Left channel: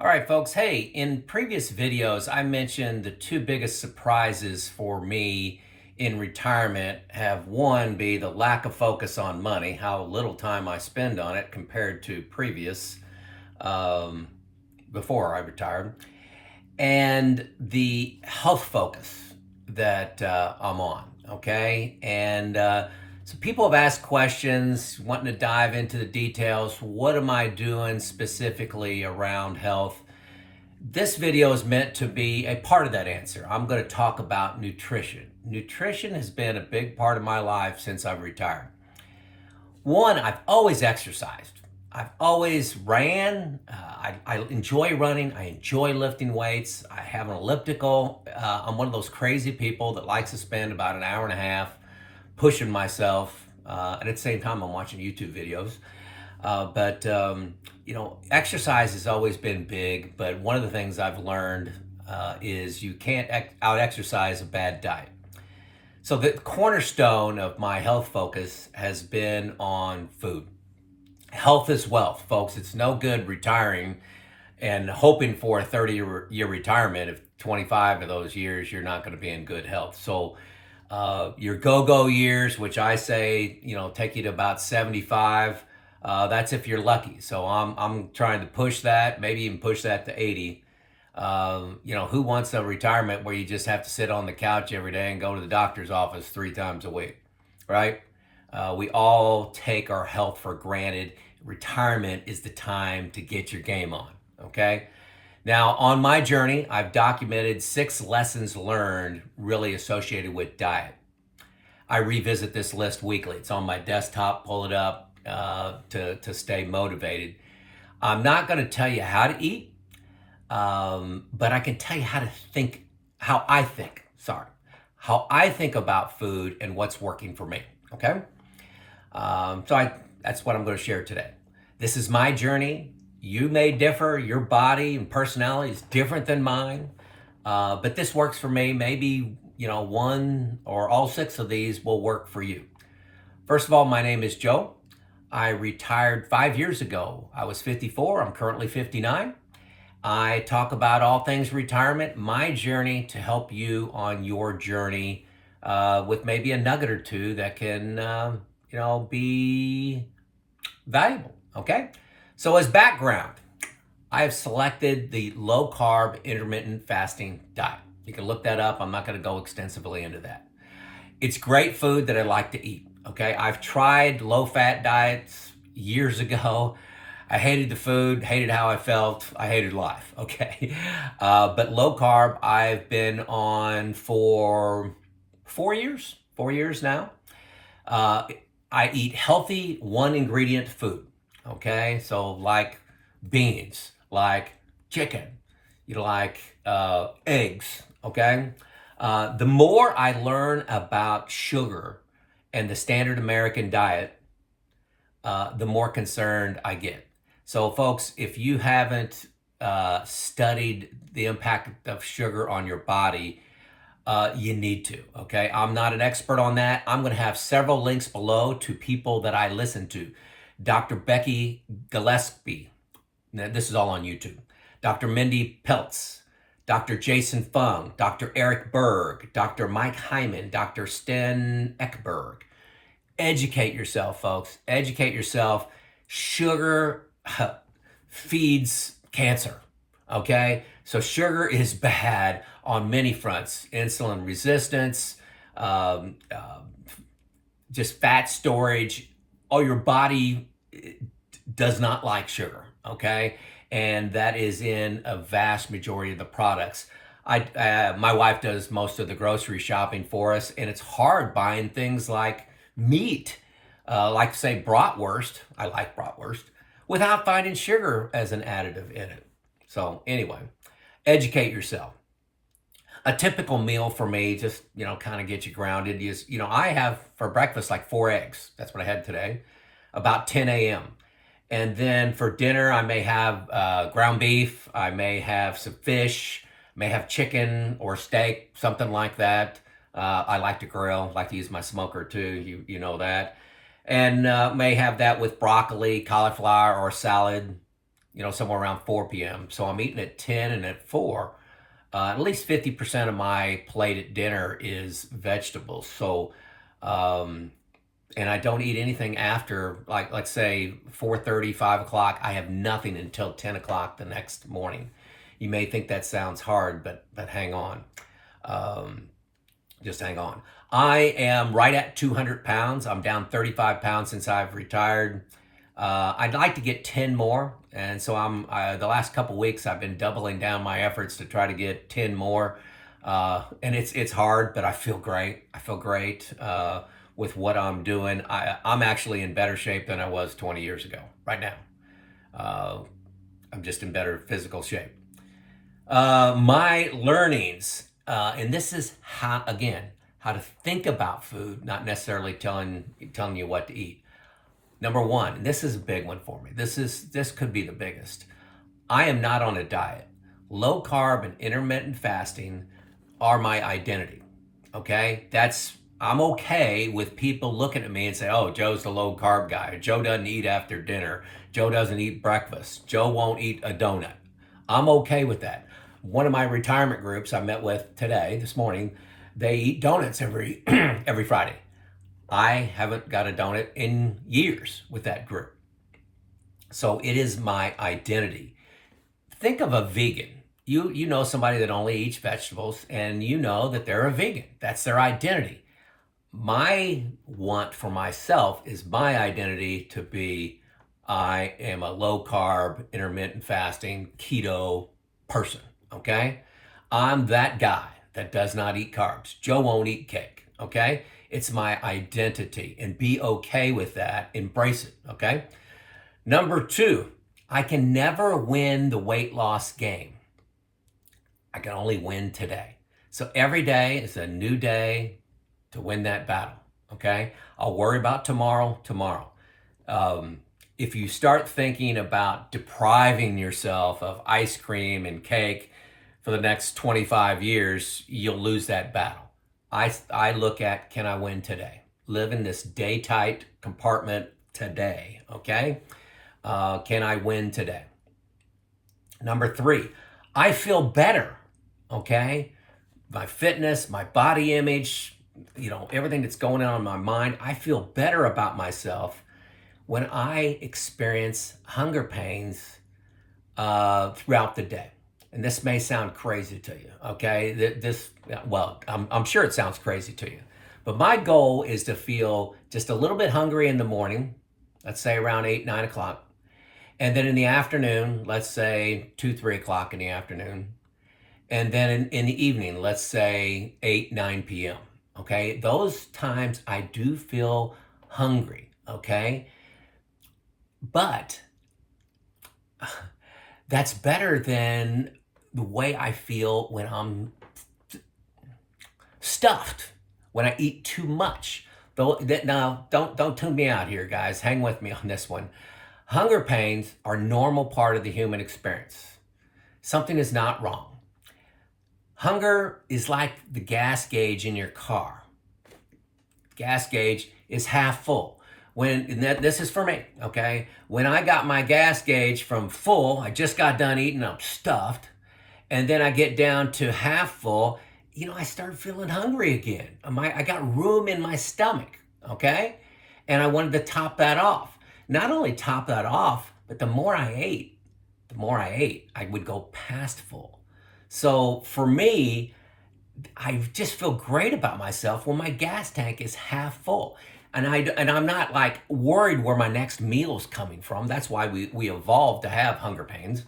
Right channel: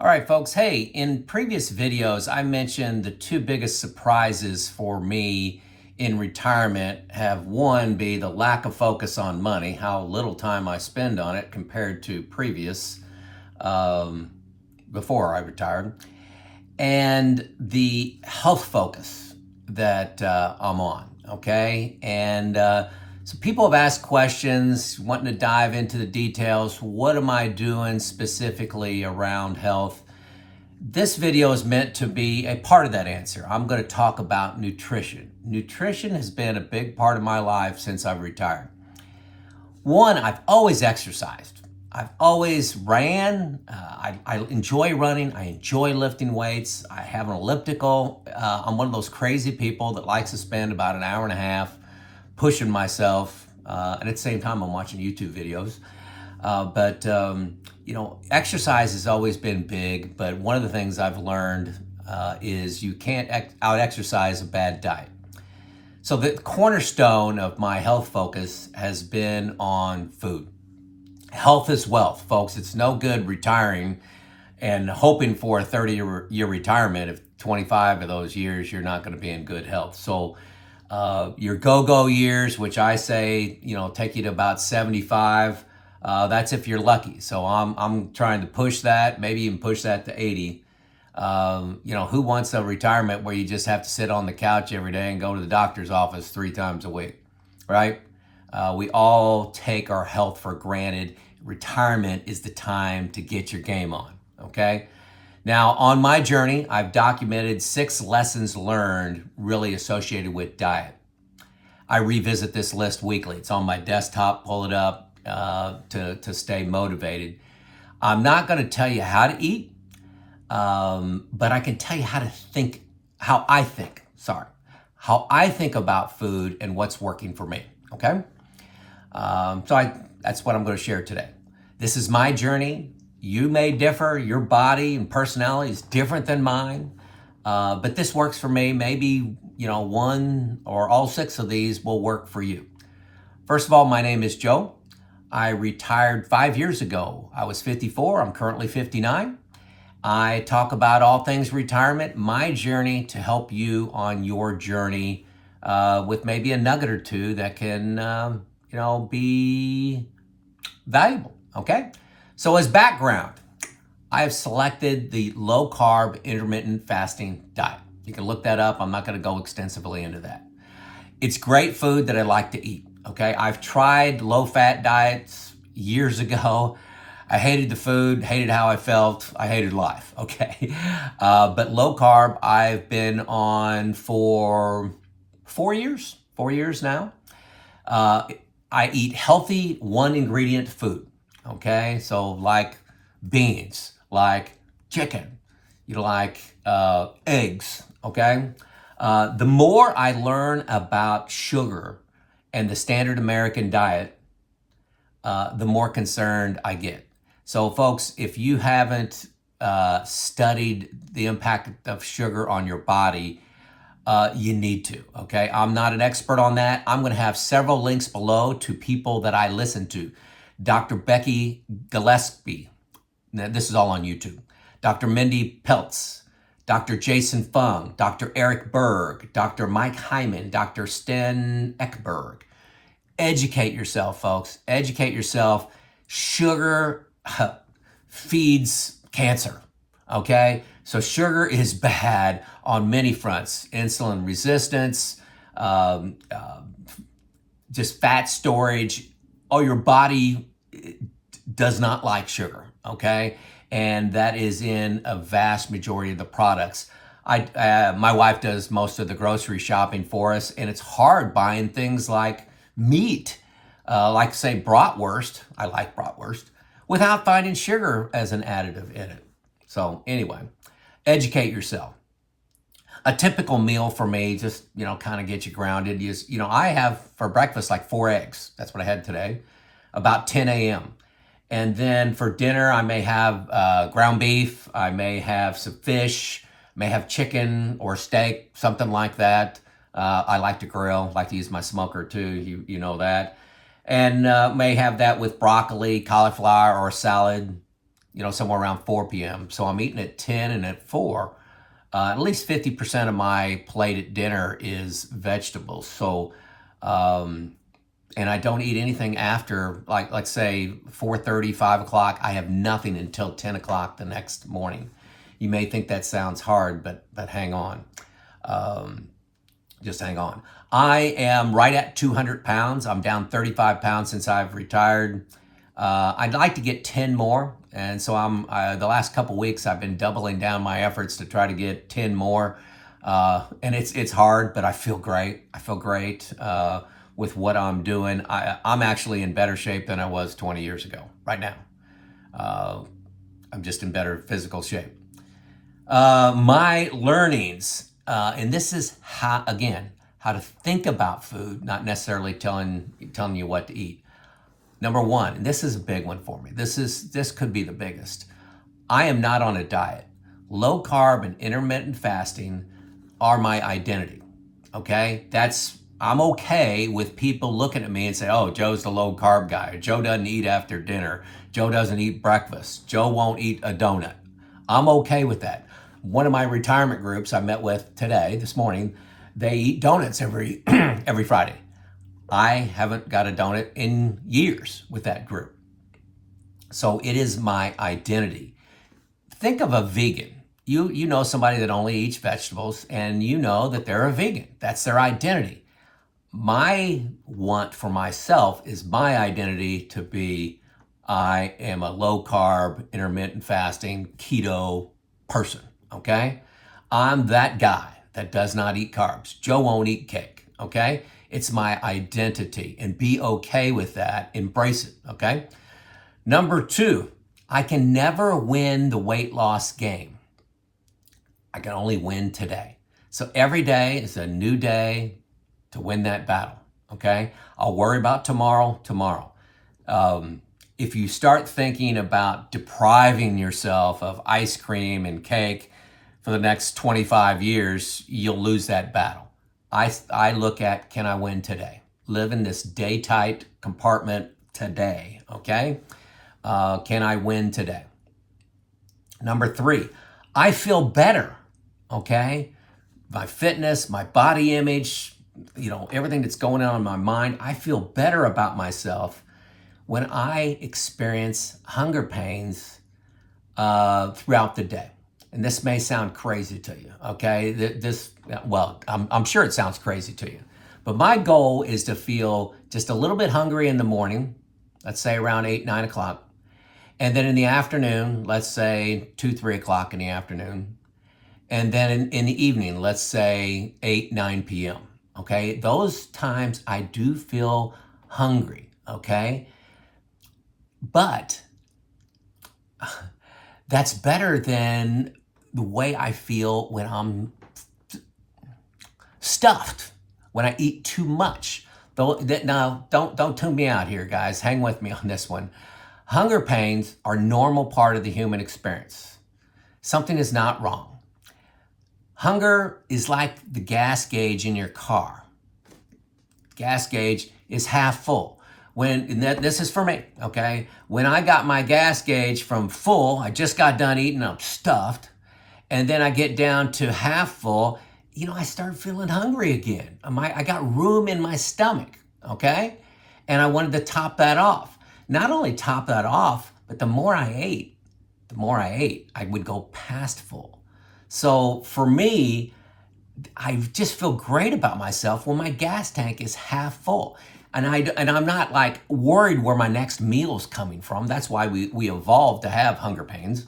All right, folks. Hey, in previous videos, I mentioned the two biggest surprises for me in retirement have one be the lack of focus on money, how little time I spend on it compared to previous, um, before I retired, and the health focus that I'm on. Okay. So people have asked questions, wanting to dive into the details. What am I doing specifically around health? This video is meant to be a part of that answer. I'm going to talk about nutrition. Nutrition has been a big part of my life since I've retired. One, I've always exercised. I've always ran. I enjoy running. I enjoy lifting weights. I have an elliptical. I'm one of those crazy people that likes to spend about an hour and a half pushing myself. And at the same time, I'm watching YouTube videos. Exercise has always been big. But one of the things I've learned is you can't out-exercise a bad diet. So the cornerstone of my health focus has been on food. Health is wealth, folks. It's no good retiring and hoping for a 30-year retirement if 25 of those years you're not going to be in good health. So your go-go years, which I say, take you to about 75, that's if you're lucky. So I'm trying to push that, maybe even push that to 80. Who wants a retirement where you just have to sit on the couch every day and go to the doctor's office 3 times a week, right? We all take our health for granted. Retirement is the time to get your game on, okay? Now, on my journey, I've documented 6 lessons learned really associated with diet. I revisit this list weekly. It's on my desktop, pull it up to stay motivated. I'm not gonna tell you how to eat, but I can tell you how I think about food and what's working for me, okay? That's what I'm going to share today. This is my journey. You may differ. Your body and personality is different than mine. But this works for me. Maybe, one or all 6 of these will work for you. First of all, my name is Joe. I retired 5 years ago. I was 54. I'm currently 59. I talk about all things retirement, my journey to help you on your journey with maybe a nugget or two that can be valuable, okay? So as background, I have selected the low-carb intermittent fasting diet. You can look that up. I'm not going to go extensively into that. It's great food that I like to eat, okay? I've tried low-fat diets years ago. I hated the food, hated how I felt. I hated life, okay? But low-carb, I've been on for 4 years now. I eat healthy 1-ingredient food, okay? So like beans, like chicken, eggs, okay? The more I learn about sugar and the standard American diet, the more concerned I get. So folks, if you haven't studied the impact of sugar on your body, you need to, okay? I'm not an expert on that. I'm going to have several links below to people that I listen to. Dr. Becky Gillaspy. This is all on YouTube. Dr. Mindy Pelz. Dr. Jason Fung. Dr. Ekberg. Dr. Mike Hyman. Dr. Sten Ekberg. Educate yourself, folks. Educate yourself. Sugar feeds cancer, okay? So sugar is bad on many fronts. Insulin resistance, just fat storage. Oh, your body does not like sugar, okay? And that is in a vast majority of the products. My wife does most of the grocery shopping for us, and it's hard buying things like meat, like say bratwurst. I like bratwurst, without finding sugar as an additive in it. So anyway, educate yourself. A typical meal for me, just, kind of get you grounded is, I have for breakfast like 4 eggs. That's what I had today, about 10 a.m. And then for dinner, I may have ground beef. I may have some fish, may have chicken or steak, something like that. I like to grill, like to use my smoker too, you know that. And may have that with broccoli, cauliflower, or a salad. somewhere around 4 p.m. So I'm eating at 10 and at 4. At least 50% of my plate at dinner is vegetables. So, and I don't eat anything after, like say 4:30, 5 o'clock. I have nothing until 10 o'clock the next morning. You may think that sounds hard, but hang on. Just hang on. I am right at 200 pounds. I'm down 35 pounds since I've retired. I'd like to get 10 more. And so the last couple weeks, I've been doubling down my efforts to try to get 10 more. And it's hard, but I feel great. I feel great with what I'm doing. I'm actually in better shape than I was 20 years ago right now. I'm just in better physical shape. My learnings, and this is how to think about food, not necessarily telling you what to eat. Number one, and this is a big one for me. This could be the biggest. I am not on a diet. Low carb and intermittent fasting are my identity. Okay? I'm okay with people looking at me and say, oh, Joe's the low carb guy. Joe doesn't eat after dinner. Joe doesn't eat breakfast. Joe won't eat a donut. I'm okay with that. One of my retirement groups I met with this morning, they eat donuts every Friday. I haven't got a donut in years with that group. So it is my identity. Think of a vegan. You know somebody that only eats vegetables, and you know that they're a vegan. That's their identity. My want for myself is my identity to be, I am a low carb, intermittent fasting, keto person, okay? I'm that guy that does not eat carbs. Joe won't eat cake, okay? It's my identity, and be okay with that. Embrace it, okay? Number two, I can never win the weight loss game. I can only win today. So every day is a new day to win that battle, okay? I'll worry about tomorrow. If you start thinking about depriving yourself of ice cream and cake for the next 25 years, you'll lose that battle. I look at, can I win today? Live in this day-tight compartment today, okay? Can I win today? Number three, I feel better, okay? My fitness, my body image, everything that's going on in my mind, I feel better about myself when I experience hunger pains throughout the day. And this may sound crazy to you, okay? I'm sure it sounds crazy to you. But my goal is to feel just a little bit hungry in the morning, let's say around 8, 9 o'clock. And then in the afternoon, let's say 2, 3 o'clock in the afternoon. And then in the evening, let's say 8, 9 p.m., okay? Those times I do feel hungry, okay? But that's better than the way I feel when I'm stuffed, when I eat too much. Now, don't tune me out here, guys. Hang with me on this one. Hunger pains are a normal part of the human experience. Something is not wrong. Hunger is like the gas gauge in your car. Gas gauge is half full. This is for me, okay? When I got my gas gauge from full, I just got done eating, I'm stuffed, and then I get down to half full, I start feeling hungry again. I got room in my stomach, okay? And I wanted to top that off. Not only top that off, but the more I ate, I would go past full. So for me, I just feel great about myself when my gas tank is half full. And I'm not like worried where my next meal is coming from. That's why we evolved to have hunger pains.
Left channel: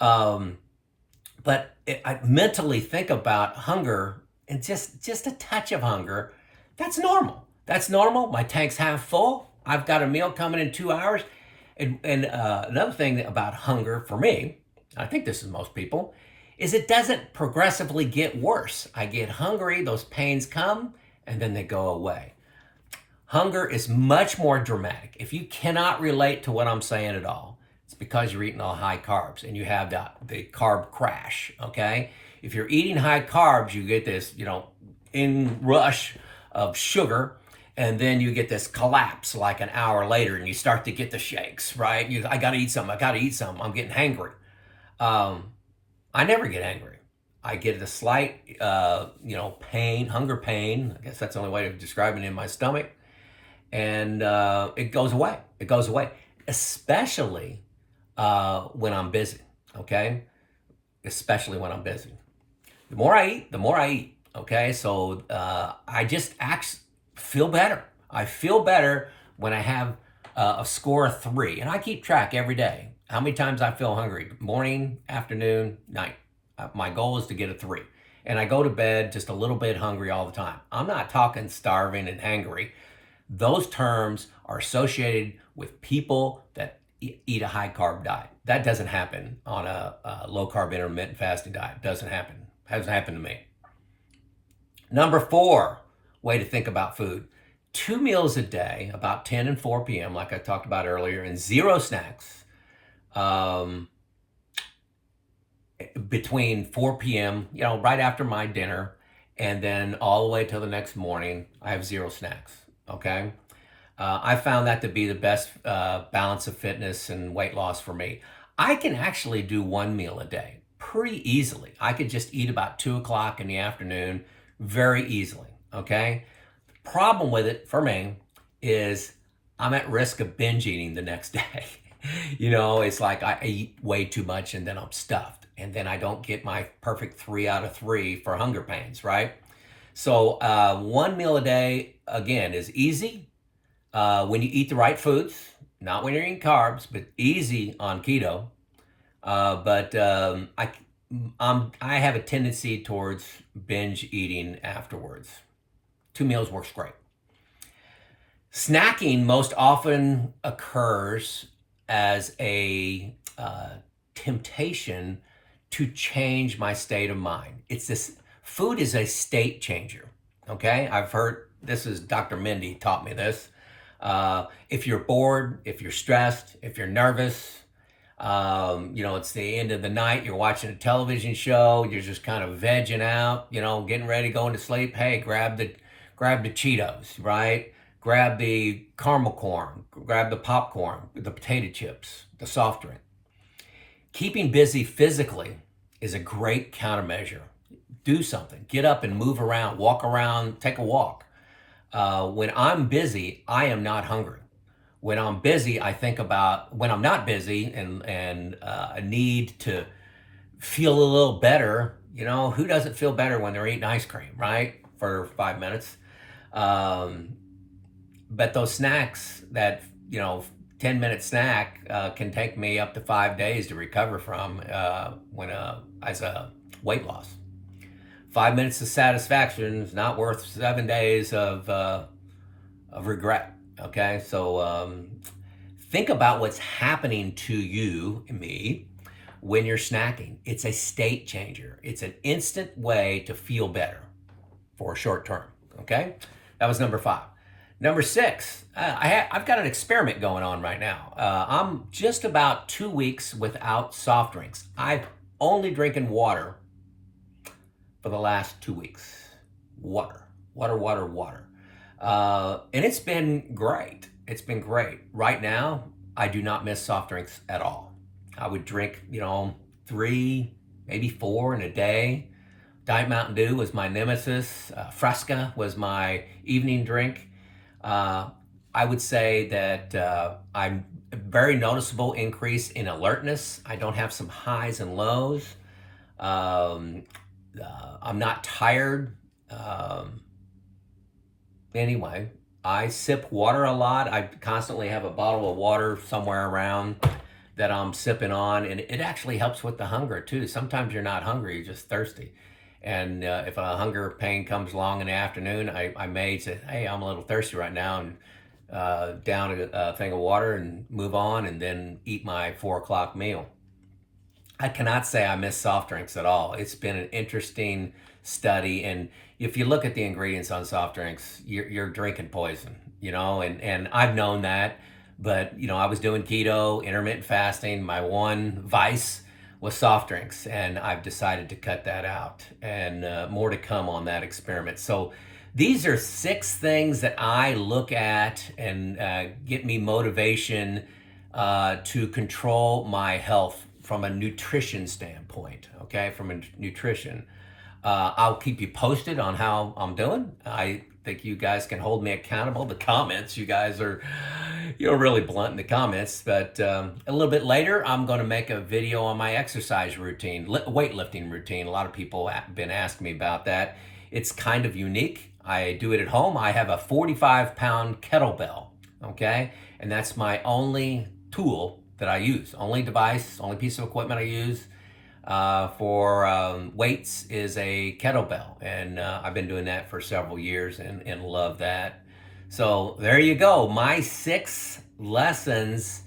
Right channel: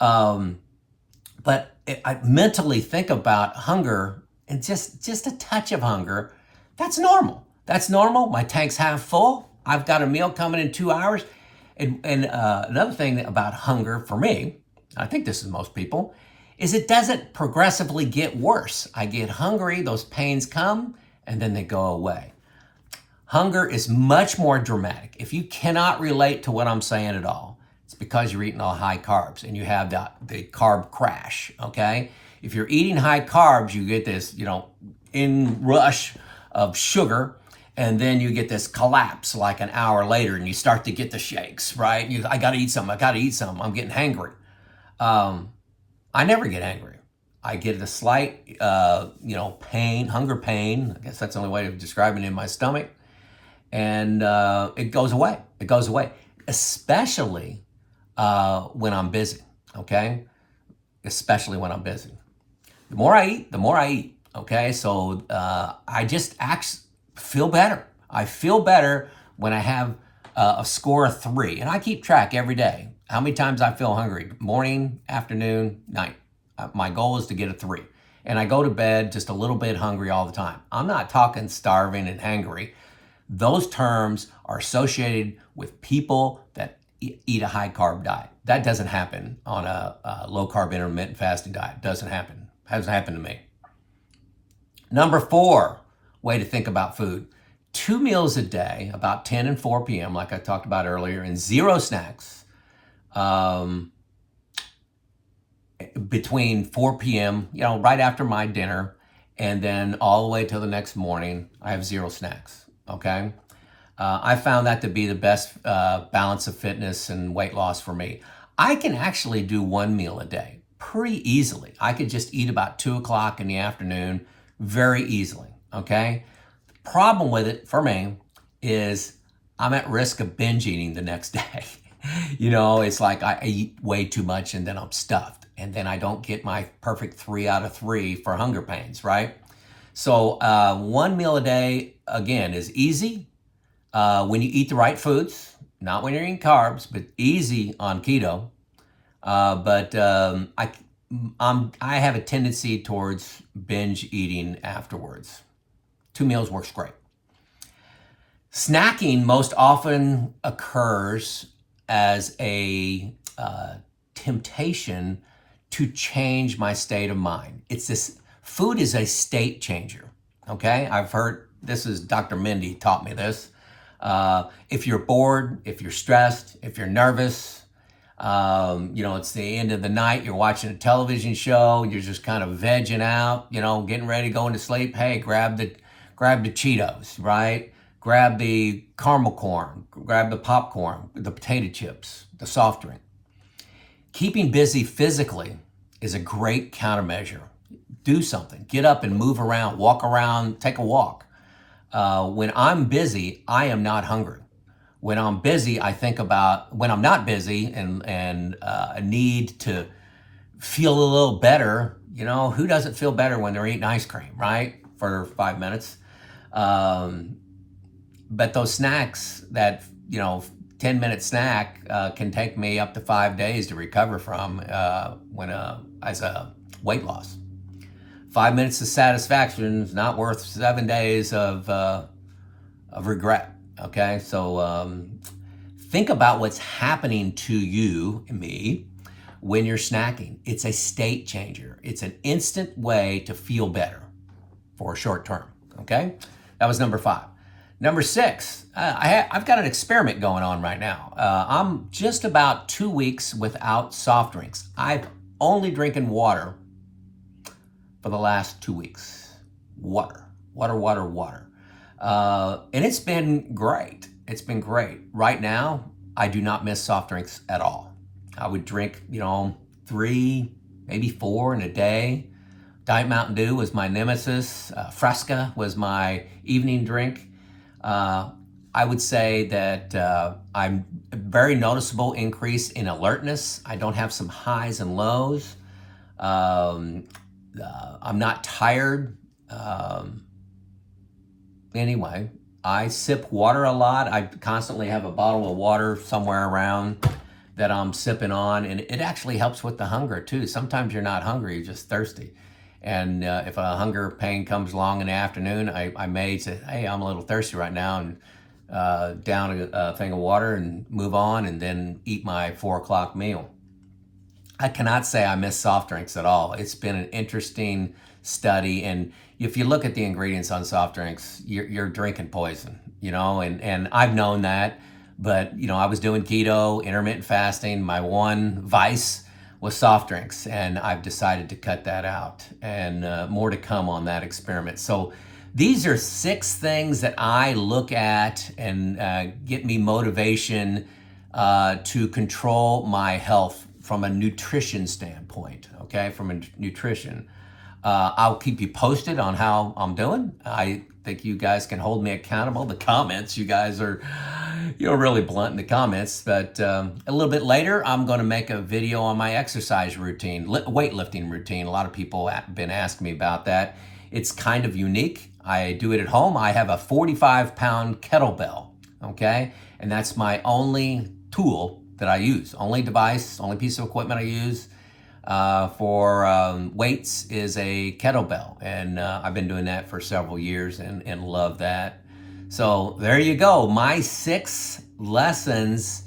But I mentally think about hunger, and just a touch of hunger, that's normal. That's normal. My tank's half full. I've got a meal coming in 2 hours. And another thing about hunger for me, I think this is most people, is it doesn't progressively get worse. I get hungry, those pains come, and then they go away. Hunger is much more dramatic. If you cannot relate to what I'm saying at all, it's because you're eating all high carbs and you have the carb crash, okay? If you're eating high carbs, you get this, inrush of sugar, and then you get this collapse like an hour later, and you start to get the shakes, right? I got to eat something. I got to eat something. I'm getting hangry. I never get angry. I get a slight, pain, hunger pain. I guess that's the only way of describing it in my stomach. And it goes away. It goes away, especially when I'm busy, okay? Especially when I'm busy. The more I eat, the more I eat, okay? So I just feel better. I feel better when I have a score of 3. And I keep track every day how many times I feel hungry, morning, afternoon, night. My goal is to get a 3. And I go to bed just a little bit hungry all the time. I'm not talking starving and hangry. Those terms are associated with people that eat a high carb diet. That doesn't happen on a low carb intermittent fasting diet. Doesn't happen. Hasn't happened to me. Number 4 way to think about food. 2 meals a day, about 10 and 4 p.m., like I talked about earlier, and 0 snacks between 4 p.m., right after my dinner, and then all the way till the next morning, I have 0 snacks, okay? I found that to be the best balance of fitness and weight loss for me. I can actually do 1 meal a day pretty easily. I could just eat about 2 o'clock in the afternoon very easily, okay? The problem with it for me is I'm at risk of binge eating the next day. It's like I eat way too much and then I'm stuffed. And then I don't get my perfect 3 out of 3 for hunger pains, right? So 1 meal a day, again, is easy when you eat the right foods, not when you're eating carbs, but easy on keto. But I have a tendency towards binge eating afterwards. 2 meals works great. Snacking most often occurs as a temptation to change my state of mind. Food is a state changer, okay? I've heard, this is Dr. Mindy taught me this. If you're bored, if you're stressed, if you're nervous, it's the end of the night, you're watching a television show, you're just kind of vegging out, getting ready, going to sleep. Hey, grab the Cheetos, right? Grab the caramel corn, grab the popcorn, the potato chips, the soft drink. Keeping busy physically is a great countermeasure. Do something, get up and move around, walk around, take a walk. When I'm busy, I am not hungry. When I'm busy, I think about when I'm not busy and a need to feel a little better. Who doesn't feel better when they're eating ice cream, right? For 5 minutes. But those snacks, that 10-minute snack can take me up to 5 days to recover from as a weight loss. 5 minutes of satisfaction is not worth 7 days of regret. Okay, so think about what's happening to you and me when you're snacking. It's a state changer. It's an instant way to feel better for a short term. Okay, that was number 5. Number 6, I've got an experiment going on right now. I'm just about 2 weeks without soft drinks. I've only drinking water for the last 2 weeks. Water. And it's been great. It's been great. Right now, I do not miss soft drinks at all. I would drink, 3, maybe 4 in a day. Diet Mountain Dew was my nemesis. Fresca was my evening drink. I would say that I'm a very noticeable increase in alertness. I don't have some highs and lows. I'm not tired. Anyway, I sip water a lot. I constantly have a bottle of water somewhere around that I'm sipping on, and it actually helps with the hunger too. Sometimes you're not hungry, you're just thirsty. And if a hunger pain comes along in the afternoon, I may say, hey, I'm a little thirsty right now, and down a thing of water and move on, and then eat my 4 o'clock meal. I cannot say I miss soft drinks at all. It's been an interesting study, and if you look at the ingredients on soft drinks, you're drinking poison, and I've known that, but I was doing keto, intermittent fasting. My one vice was soft drinks, and I've decided to cut that out, and more to come on that experiment. So These are 6 things that I look at and get me motivation to control my health from a nutrition standpoint, okay? From a nutrition. I'll keep you posted on how I'm doing. I think you guys can hold me accountable. The comments, you guys are, you're really blunt in the comments, but a little bit later, I'm going to make a video on my exercise routine, weightlifting routine. A lot of people have been asking me about that. It's kind of unique. I do it at home. I have a 45-pound kettlebell, okay? And that's my only tool that I use, only device, only piece of equipment I use for weights is a kettlebell. And I've been doing that for several years and love that. So there you go, my 6 lessons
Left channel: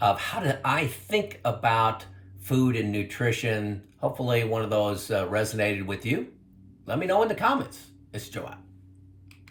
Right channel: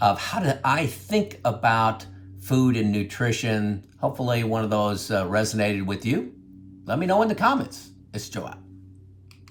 of how do I think about food and nutrition. Hopefully one of those resonated with you. Let me know in the comments. It's Joe out.